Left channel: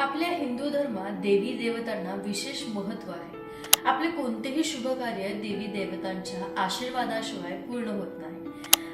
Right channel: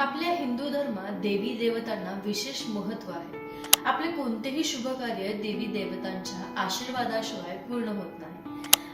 आपल्या हिंदू धर्मात देवी देवतांना विशेष महत्त्व आहे. आपले कोणतेही शुभ कार्य देवी देवतांच्या आशीर्वादाशिवाय पूर्ण होत नाही.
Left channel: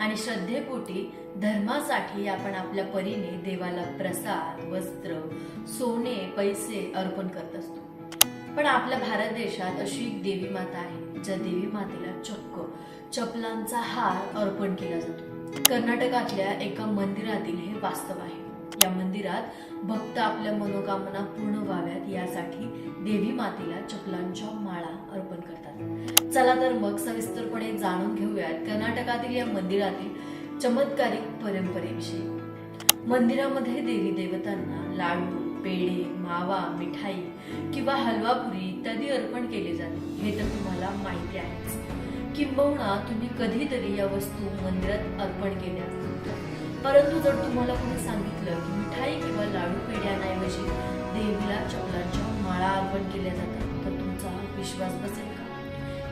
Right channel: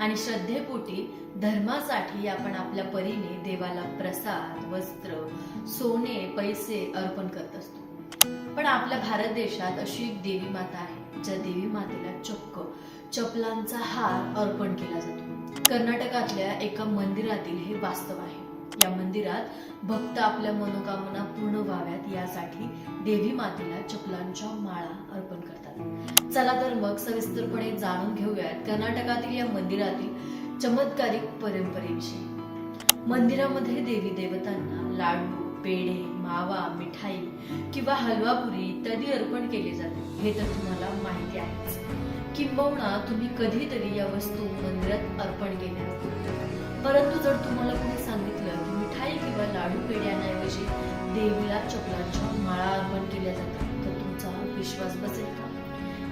आणि श्रद्धेपोटी धर्मासाठी आपण आपल्या परीने देवाला प्रसाद, वस्त्र, सोने, पैसे अर्पण करत असतो. पण आपल्या भारत देशात अशी एक देवी माता आहे, ज्या देवी मातेला चक्क चपलांचा हार अर्पण केला जातो. कर्नाटकातल्या एका मंदिरातील हे वास्तव आहे. या मंदिरात भक्त आपल्या मनोकामना पूर्ण व्हाव्यात यासाठी देवी मातेला चपलांच्या माळा अर्पण करतात. चला तर मग सविस्तरपणे जाणून घेऊयात कर्नाटकातील या मंदिरातील चमत्कारिक परंपरेविषयी. मंदिरामध्ये देवी देवतांना लाडू, पेढे, मावा, मिठाई किंवा हलवापुरी इत्यादी अर्पण केले जाते. हे तर तुम्हाला माहिती आहेच. किंबहुना तुम्ही कधीतरी या वस्तू मंदिरात अर्पण केल्या असतील. परंतु जर तुम्हाला कोणी सांगितलं की मिठाई किंवा लाडू पेढ्यांऐवजी देवीला चपलांच्या माळा अर्पण केल्या जातात, तर तुमचा विश्वास बसेल का?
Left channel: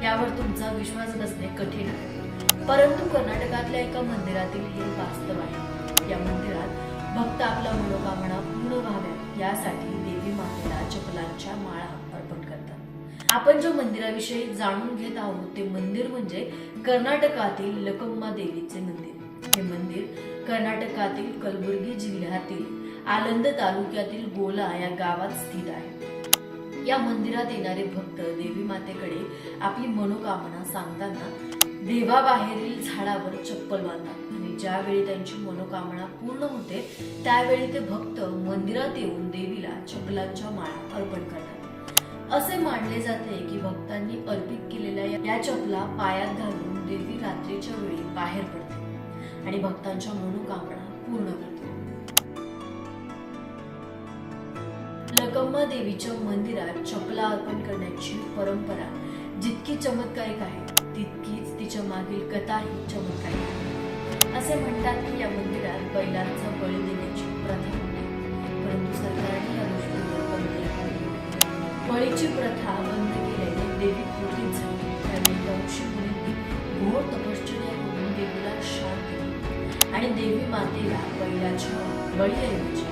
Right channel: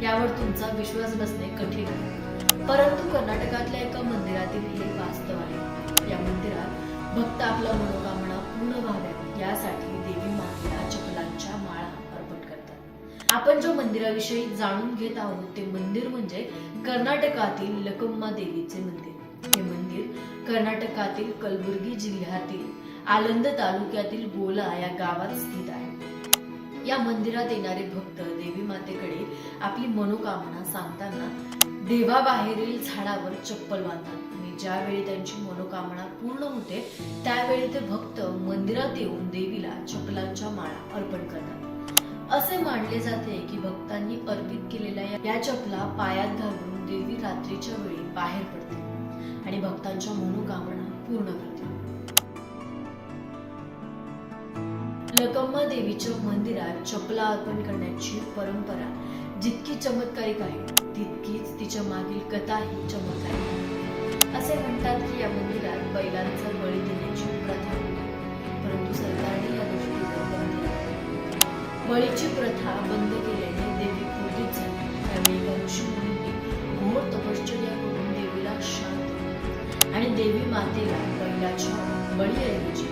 यावर तुमचा विश्वास बसणे कठीण आहे. परंतु कर्नाटकातल्या एका मंदिरातील हे वास्तव आहे. या मंदिरात भक्त आपला मनोकामना पूर्ण व्हाव्यात यासाठी देवी मातेला चपलांच्या माळा अर्पण करतात. आपण जो मंदिराविषयी जाणून घेत आहोत ते मंदिर म्हणजे कर्नाटकातील लकम्मा देवीचे मंदिर. हे मंदिर कर्नाटकातील कलबुर्गी जिल्ह्यातील आलंद तालुक्यातील गोला या गावात स्थित आहे. या मंदिरात येणारे भक्त देवी मातेकडे आपली मनोकामना सांगताना देवाबाहेरील झाडावर चप्पल बांधतात आणि ज्यावेळी त्यांची मनोकामना पूर्ण होते त्यावेळी ते भक्त मंदिरात येऊन देवीला चपलांच्या माळा अर्पण करतात. असे मानले जाते की भक्तांनी अर्पित केलेल्या या चपला पायात घालून देवी रात्रीच्या वेळी बाहेर पडते आणि भक्तांच्या मनोकामना पूर्ण करते. लकम्मा देवीच्या मंदिरात चपला अर्पण करण्याची परंपरा जितकी चमत्कारिक आहे तितकीच तिच्या मागील कथाही चमत्कारिक आहे. असे म्हणतात की या मंदिरात बैलांचा बळी देण्याची प्रथा होती, परंतु सरकारने या गोष्टीवर बंदी घातली. बळीची प्रथा बंद केल्याने देवी क्रोधित झाली. त्यावेळी ऋषीमुनींनी घोर तपश्चर्या करून देवीला शांत केले आणि देवी मातेला बैलाच्या बळीऐवजी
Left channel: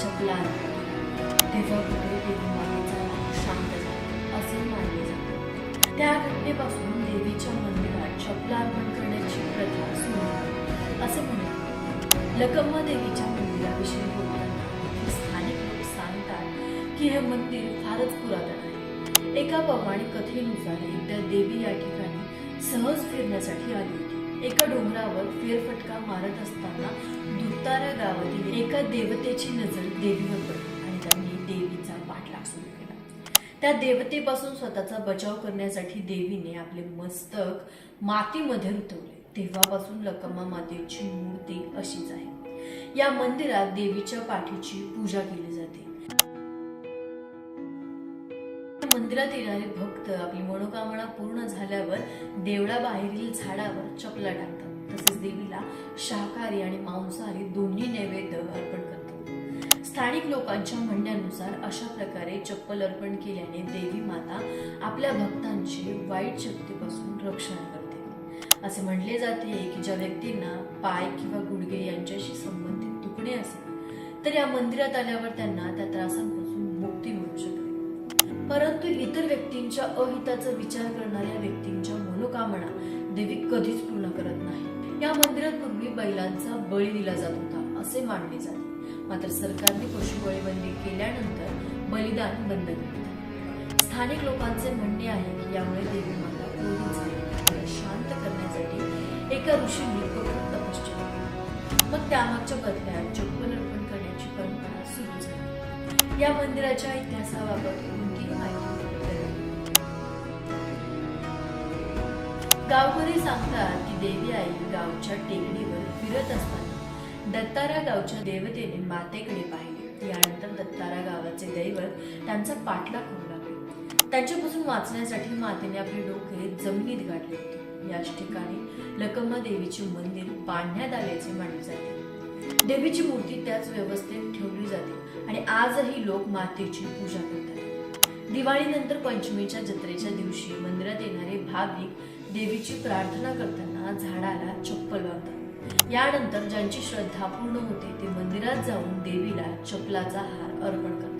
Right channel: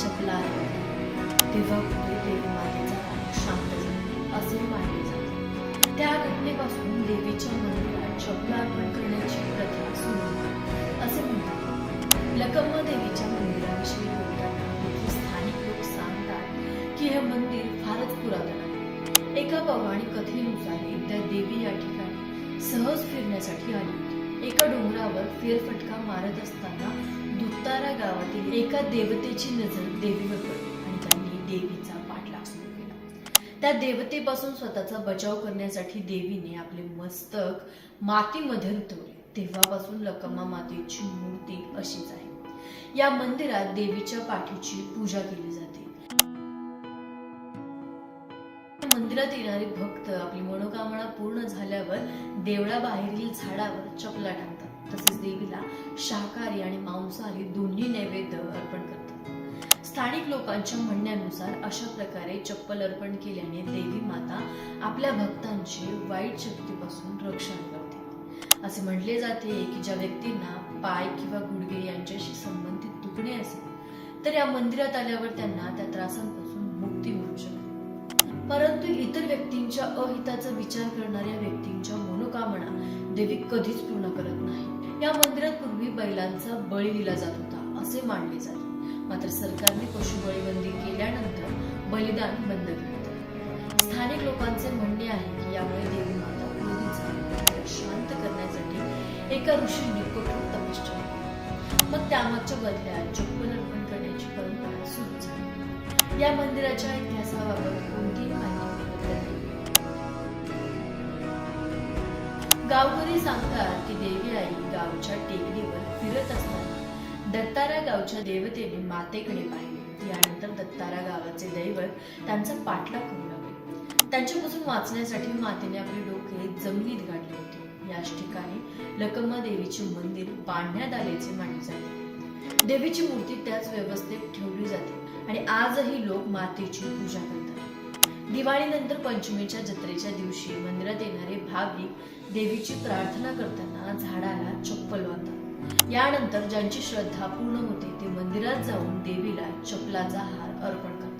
चपला अर्पण केली. तेव्हा पुढे देवी मातेचा राग शांत झाला असे मानले जाते. त्या घटनेपासून देवीच्या मंदिरात चपला अर्पण करण्याची प्रथा सुरू झाली असे म्हणतात. लकम्मा देवीच्या मंदिराविषयी बोलताना इथले स्थानिक लोक सांगतात की हे मंदिर फारच पुरातन आहे. एका पौराणिक कथेनुसार एकदा देवी या ठिकाणी सहज फिरण्यासाठी आली होती. एका डोंगरावर फेरफटका मारत असताना दुत्तारा गावातील एका देवतेची नजर देवीवर पडली आणि त्यांनी देवीचा पाठलाग सुरू केला. त्या देवतेपासून स्वतःचा बचाव करण्यासाठी देवीने आपले मस्तक मातीमध्ये रुतवले. तेव्हापासून लकम्मा मातेची मूर्ती अशीच आहे. या मंदिरात देवीच्या पाठीची पूजा केली जाते. मंदिरात येणारे भक्त आपली मनोकामना पूर्ण झाल्यावर देवळाबाहेरील झाडावर चपला टाकतात. तसेच देवीला शाकाहारी आणि मांसाहारी दोन्ही नैवेद्य अर्पण करतात. स्थानिक लोकांच्या म्हणण्यानुसार अशा प्रकारे चप्पल अर्पण केल्याने देवी माता आपल्या भक्तांचे वाईट शक्तीपासून रक्षण करते. असे म्हटले जाते की ज्या व्यक्तींना पाय किंवा गुडघे यांच्याशी संबंधित दुखणे असेल तर या मंदिरात आल्यावर त्यांना त्या त्रासांपासून मुक्ती मिळू शकते. परंतु इतर व्यक्तींच्या अहिताचा विचार करणाऱ्या व्यक्तींच्या मनोकामना देवी कधीच पूर्ण करत नाही. या मंदिरात पूर्वी बैलांचा बळी दिला जात होता असे मानले जाते. मात्र सरकारने पशुबळी बंदी केल्यानंतर बलिदान बंद केले. स्थानिक लोकांचे म्हणणे आहे की यामुळे देवी माता क्रोधित झाली. तिला शांत करण्यासाठी एका ऋषींनी कठोर तपश्चर्या केली. मग त्यामागच्या बदल्यात चप्पल अर्पण करण्याची परंपरा सुरू झाली. या मंदिराच्या इतिहासाबाबत कोणतीही माहिती उपलब्ध नाही. गावकरी सांगतात की देवी आई गावच्या टेकडीवर फिरत असताना दत्तारा गावच्या देवतेने मातेकडे पाहिले. यानंतर दत्तारा गावाचे दैवत त्यांचा पाठलाग करू लागले. त्यांच्यापासून वाचण्यासाठी मातेने आपले डोके जमिनीत गाडले होते. याच ठिकाणी लकम्मा देवीचे मंदिर बांधण्यात आल्याचे मानले जाते. देवीची मूर्ती त्याच व्यवस्थेत ठेवली जाते आणि आजही लोक मातेची पूजा करतात. दिवाळीनंतर पंचमीच्या जत्रेच्या दिवशी मंदिरात येणारे भाविक देवीची प्रार्थना करताना झाडाला चप्पल बांधतात. यानंतर ज्यांची श्रद्धा पूर्ण होते ते मंदिरात जाऊन देवीला चपलाचा हार अर्पण करतात.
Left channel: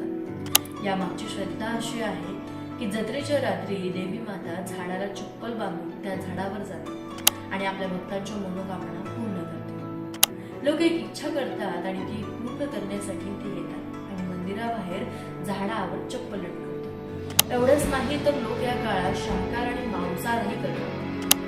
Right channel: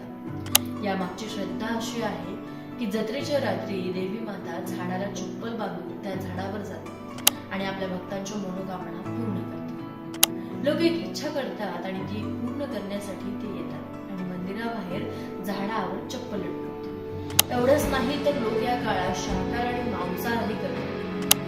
यामागची श्रद्धा अशी आहे की जत्रेच्या रात्री देवी माता झाडाला चप्पल बांधून त्या झाडावर जाते आणि आपल्या भक्तांच्या मनोकामना पूर्ण करते. लोक एक इच्छा करतात आणि ती पूर्ण करण्यासाठी ते येतात आणि मंदिराबाहेर झाडावर चप्पल लटकवतात. एवढंच नाही तर लोक या काळात शाकाहार आणि मांसाहारही करतात.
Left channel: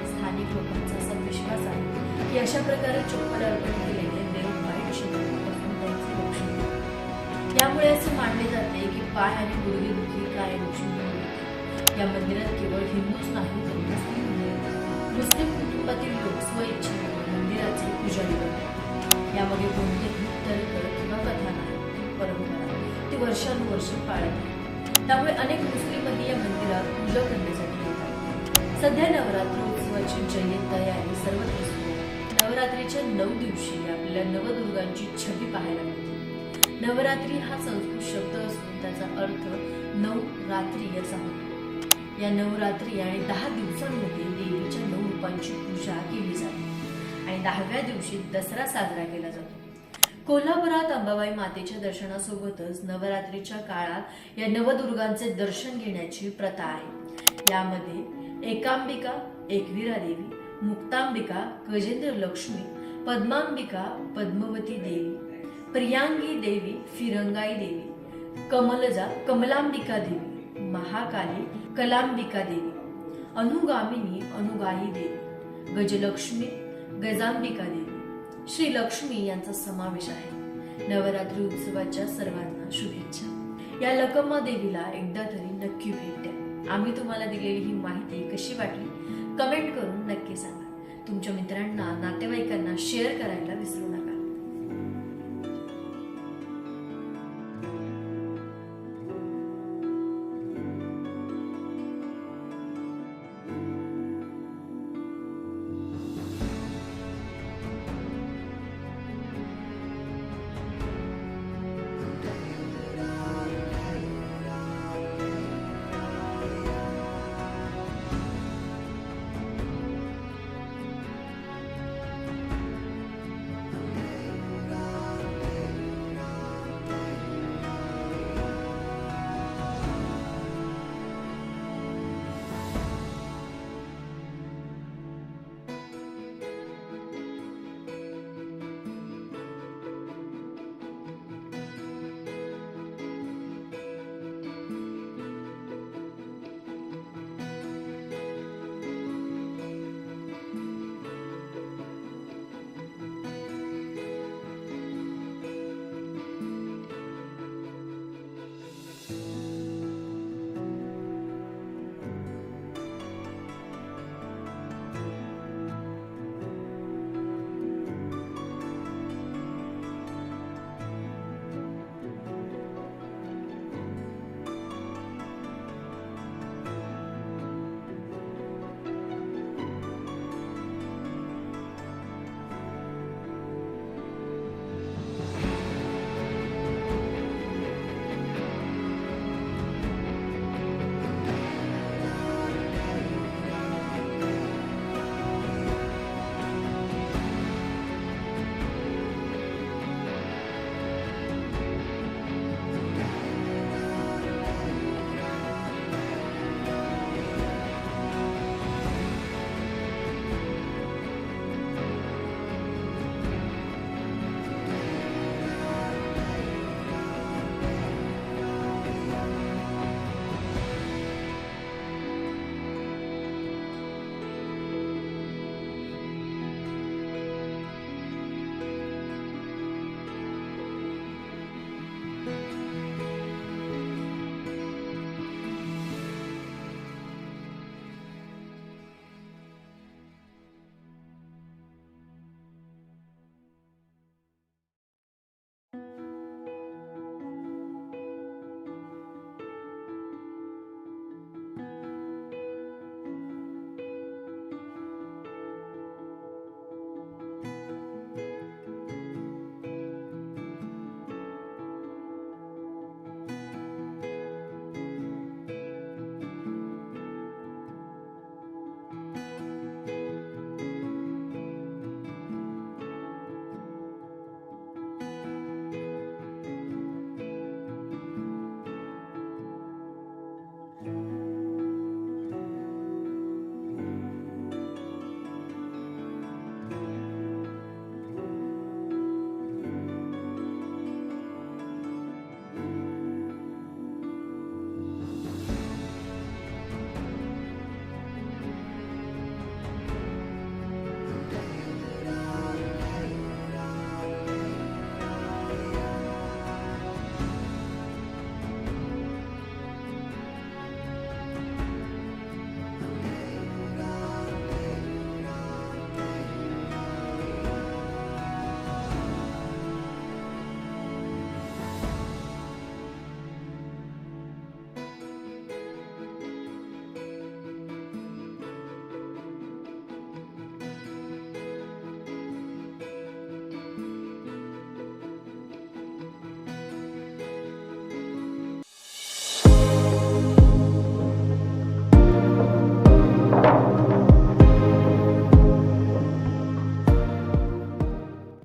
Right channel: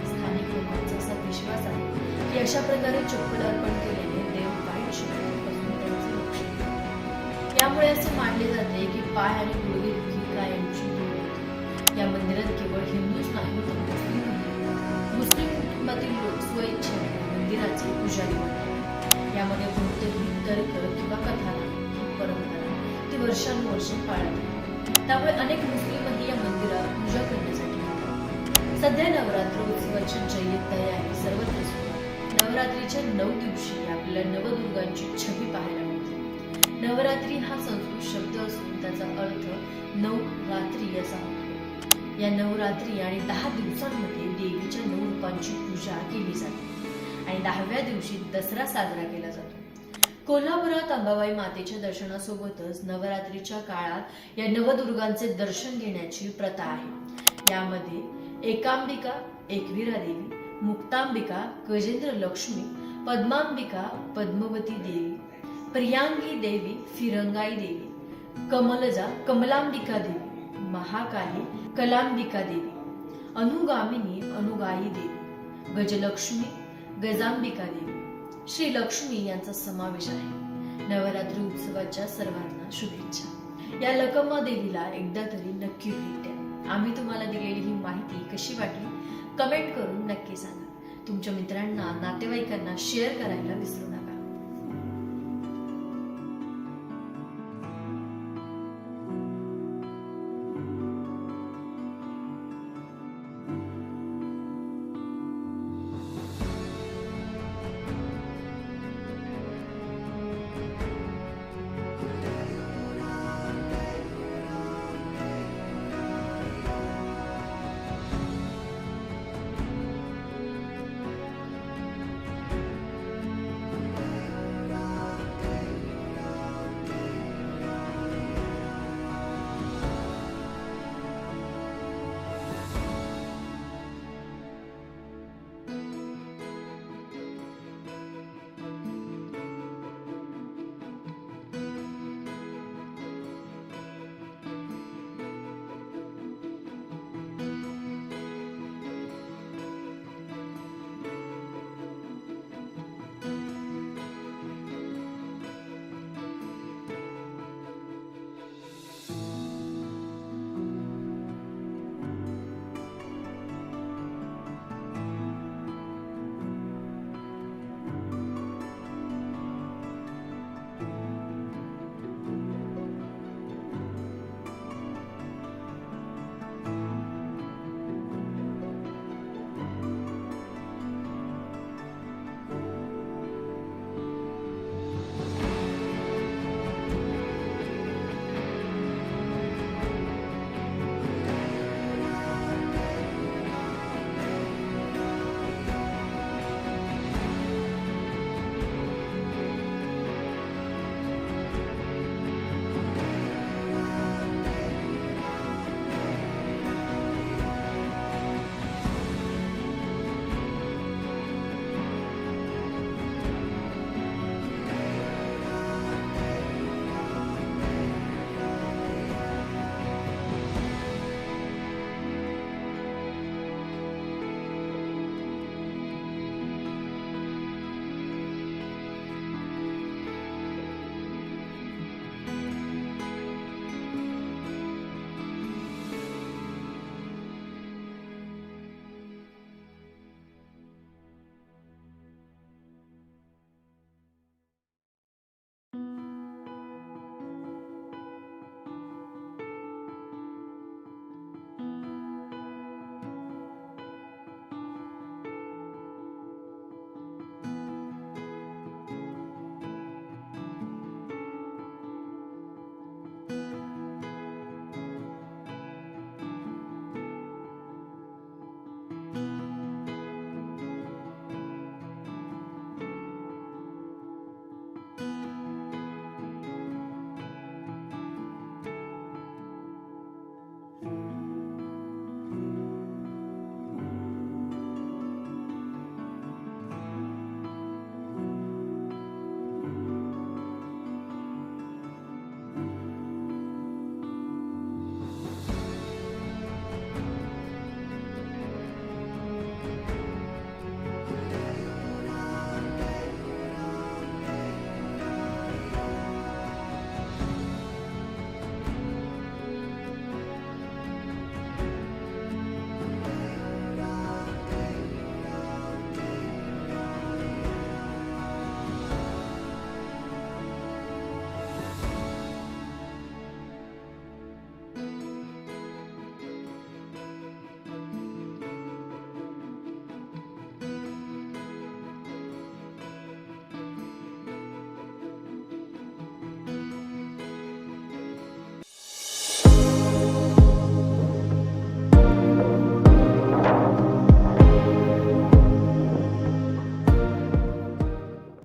स्थानिक लोकांचा असा विश्वास आहे की अशा प्रकारे चप्पल अर्पण केल्याने देव वाईट शक्तीपासून त्यांचे रक्षण करतात. यामुळे असे मानले जाते की पाय आणि गुडघे दुखी कायमची दूर होते. या मंदिरात केवळ हिंदूच नाही तर मुस्लिम कुटुंबातील लोक स्वइच्छेने मंदिराचे पुजारी बनतात. यामध्ये कोणतेही तर्क किंवा कथा नाही. ही परंपरा ती वर्षानुवर्षे पाळत आहे. त्यामुळे अनेक मुस्लिमही या मंदिरात पूजा करण्यासाठी येतात. सध्या नवरात्र उत्सवाची जय्यत तयारी सर्वत्र सुरू आहे. नवरात्रीच्या 9 दिवशी आपल्याला नवदुर्गांची छबी पाहायला मिळते. नवरात्री हा संस्कृत शब्द असून त्याचा अर्थ 9 रात्री असा होतो. या 9 रात्री आणि 10 दिवसांमध्ये देवीच्या 9 रूपांची पूजा केली जाते आणि 10व्या दिवशी दसरा साजरा केला जातो. कोल्हापुरात अंबाबाई मातेच्या दर्शनासोबतच नवरात्रीच्या काळात या नवदुर्गांचे दर्शन घेण्याची प्रथा आहे. यामध्ये एकांबिका, एकविरा देवी, मुक्तांबिका, गजेंद्र लक्ष्मी, पद्मांबिका, पद्मवती देवी, प्रियांगी देवी, फिरंगाई देवी, कमलजा, कमलांबिका देवी, महाकाली, कलांबिका देवी, अनुगामिनी, अनुगाई देवी, गजलक्ष्मी, गजांबिका देवी, श्री लक्ष्मी यांचा समावेश आहे. नवरात्री उत्सवाच्या सर्वांना शुभेच्छा. या लकम्मा देवीला एकदा तरी नक्की भेट द्या. आम्ही तुम्हाला दिलेली ही माहिती कशी वाटली कमेंट करून नक्की सांगा. तुमच्या मित्रांना, नातेवाईकांना शेअर करायला विसरू नका.